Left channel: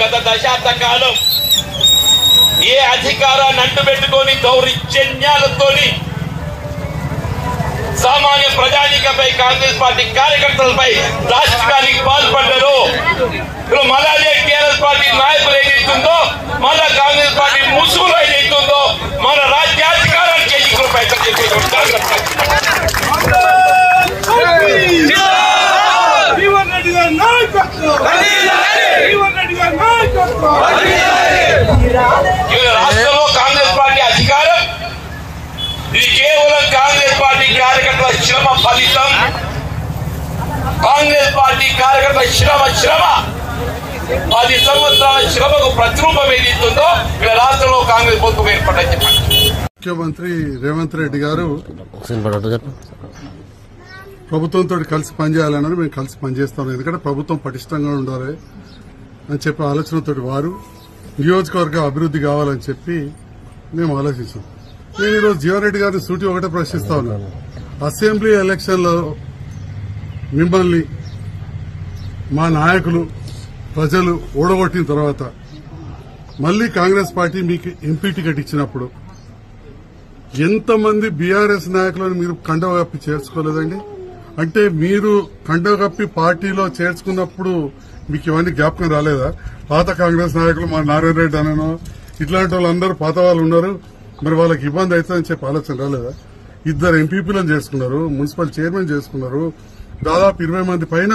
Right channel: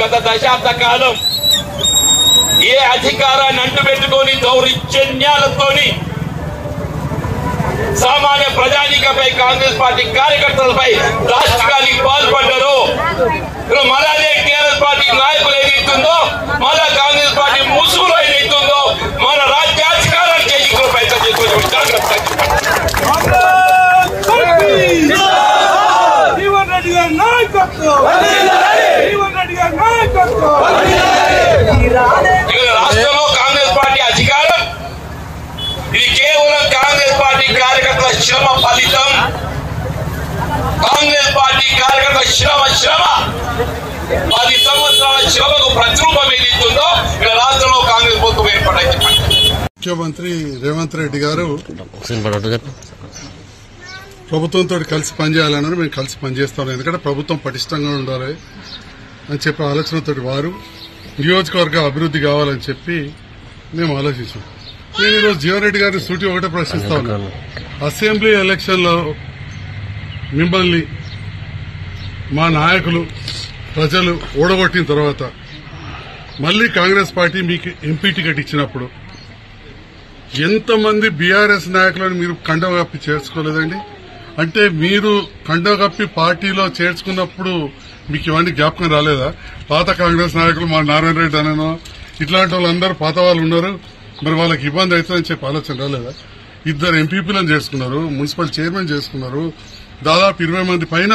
గత దశాబ్ద కాలం ఏ అధికారాన్ని అంటుపెట్టుకొని దౌర్జన్యాలతో సామాన్య ప్రజానికపై కాంగ్రెస్ పార్టీ కార్యకర్తలపై రాష్ట్రానికి పాల్పడ్డారు. మళ్ళీ టీఆర్ఎస్ పార్టీ నాయకులు ఏదైతుందో, మళ్ళా కాంగ్రెస్ పార్టీ ముసుగులో ఏదైతుందో మన రాజ్యాధికారానికి ఎన్నికలు ప్రయత్నం చేసేది. రాష్ట్రంలో కాంగ్రెస్ పార్టీ అధికారం ఇది కేవలం కాంగ్రెస్ పార్టీ కార్యకర్తల శ్రమ ఫలితం. కాంగ్రెస్ పార్టీ కార్యకర్తల శ్రమ 10 సంవత్సరాల శ్రమకు ప్రతిరూపం ఏదైతుందో ఇక్కడ రాష్ట్రంలో కాంగ్రెస్ ప్రభుత్వం ఏర్పడింది. ముఖ్యమంత్రి రేవంత్ రెడ్డి గారు ప్రభుత్వంతో కలిసి పనిచేయాలన్నారు. మేము కలిసి పనిచేస్తాం, ఎందుకంటే ప్రభుత్వం పటిష్టంగా ఉండాలి అని చెప్పి ఆలోచనతో వారు నియోజకవర్గ అభివృద్ధి కావాలని చెప్పి మేము ఆలోచించాం. నేను ఈరోజు జీవన్ రెడ్డి గారిని సూటి ఒకటే ప్రశ్నిస్తా ఉన్నాను. అసెంబ్లీ ఎలక్షన్లో మిమ్మల్ని మా నాయకులు ప్రజలు ఓడగొట్టిన తర్వాత మళ్లీ కాంగ్రెస్ పార్టీ మీకు ఎంపీ టికెట్ ఇచ్చినప్పుడు ఎంతమంది బీఆర్ఎస్ నాయకులను మీరు కండవ కప్పి చేర్చుకోలేదండి? అంటే మీరు కండవ కప్పి పార్టీలో చేర్చుకున్నప్పుడు మీకు ఇవన్నీ జ్ఞాపకం రాలేదా? పాత కాంగ్రెస్ నాయకులు మా నారాయణ రెడ్డి అనో ఇట్లాంటి వాళ్ళందరూ పాత వాళ్ళు ఉన్నారు, మరి వాళ్ళకి ఇబ్బంది అవుతుందని చెప్పి ఆలోచన రాలేదా? 2 ఎంపీపీలను చేసుకున్నారు, మున్సిపల్ చైర్మన్ చేసుకున్నారు, దాదాపు 20 మంది పైన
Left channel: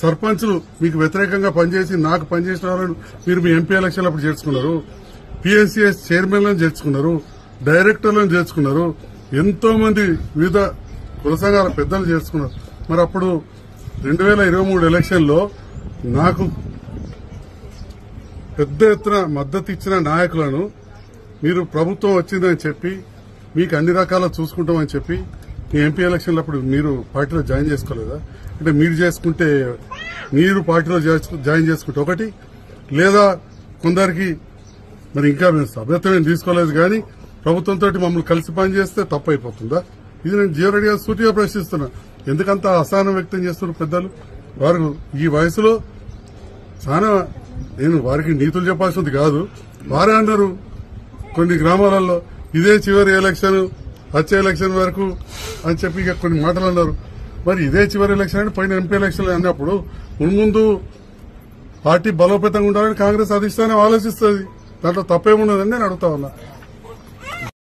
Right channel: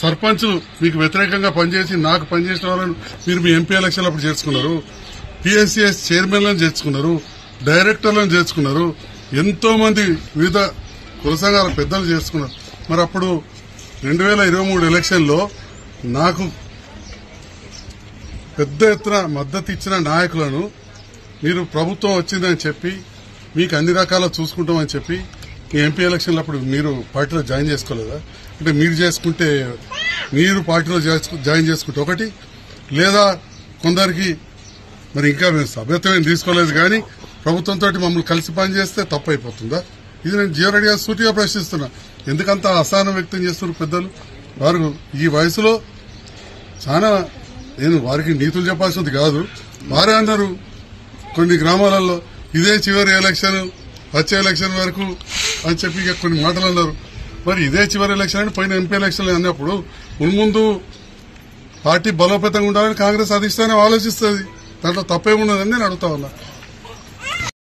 సర్పంచ్లు మీకు వ్యతిరేకంగా పనిచేసి నాకు పనిచేసిన వాళ్ళని మీరు మీ ఎంపీ ఎలక్షన్ అప్పుడు చేసుకున్నారు, పీఎస్సీఎస్ చైర్మన్లను చేర్చుకున్నారు, డైరెక్టర్లను చేర్చుకున్నారు, ఎంతో మంది వివిధ కుల సంఘాల పెద్దలు చేసుకున్నారు. మరి అప్పుడు 2023 ఎలక్షన్లో నాకు పెద్ద ఎత్తున మద్దతు ఇచ్చిన నాయకులను మీరు ప్రభుత్వం వచ్చిందని చెప్పి మీకు అన్ని రకాల చూసుకుంటామని చెప్పి మీ ఎంపీ ఎలక్షన్లు అప్పుడు మీరు పార్టీలో జాయిన్ చేసుకోలేదా? అంటే మీరు చేసుకుంటే మీరు పార్టీలో జాయిన్ చేసుకుంటే ఒకటి, లేదా కొందరికి మరి ఇంకా మేము సభ్యత్వం తీసుకోలేదు కానీ ప్రభుత్వంతో మమ్మల్ని కలిసి పనిచేస్తే తప్పు అయిపోతుందా? ఇది నేను జీవన్ రెడ్డి గారు సూటిగా ప్రశ్నిస్తున్నా. ఎందుకంత అసహనం వ్యక్తం చేస్తున్నారు పెద్దలు? వారు ఈ వయసులో చాలా, నేను వారికి నీతులు చెప్పాల్సింది కాదు, వారే అన్నారు కొన్ని గ్రామాలలో ఇదే చివరి ఎలక్షన్, వచ్చే ఎలక్షన్ వరకు అని చెప్పి కొన్ని మాటలు అన్నారు. మరి ఇదే చివరి ఎలక్షన్ అని పైన ఎంపీ ఎలక్షన్ అన్నప్పుడు ముందు పార్టీ బలోపేతంగా ఉండాలని కాంగ్రెస్ అధిష్టానం ఆలోచిస్తుంది. దాంట్లో తప్పేమున్నదని నేను అడుగుతా ఉన్నా.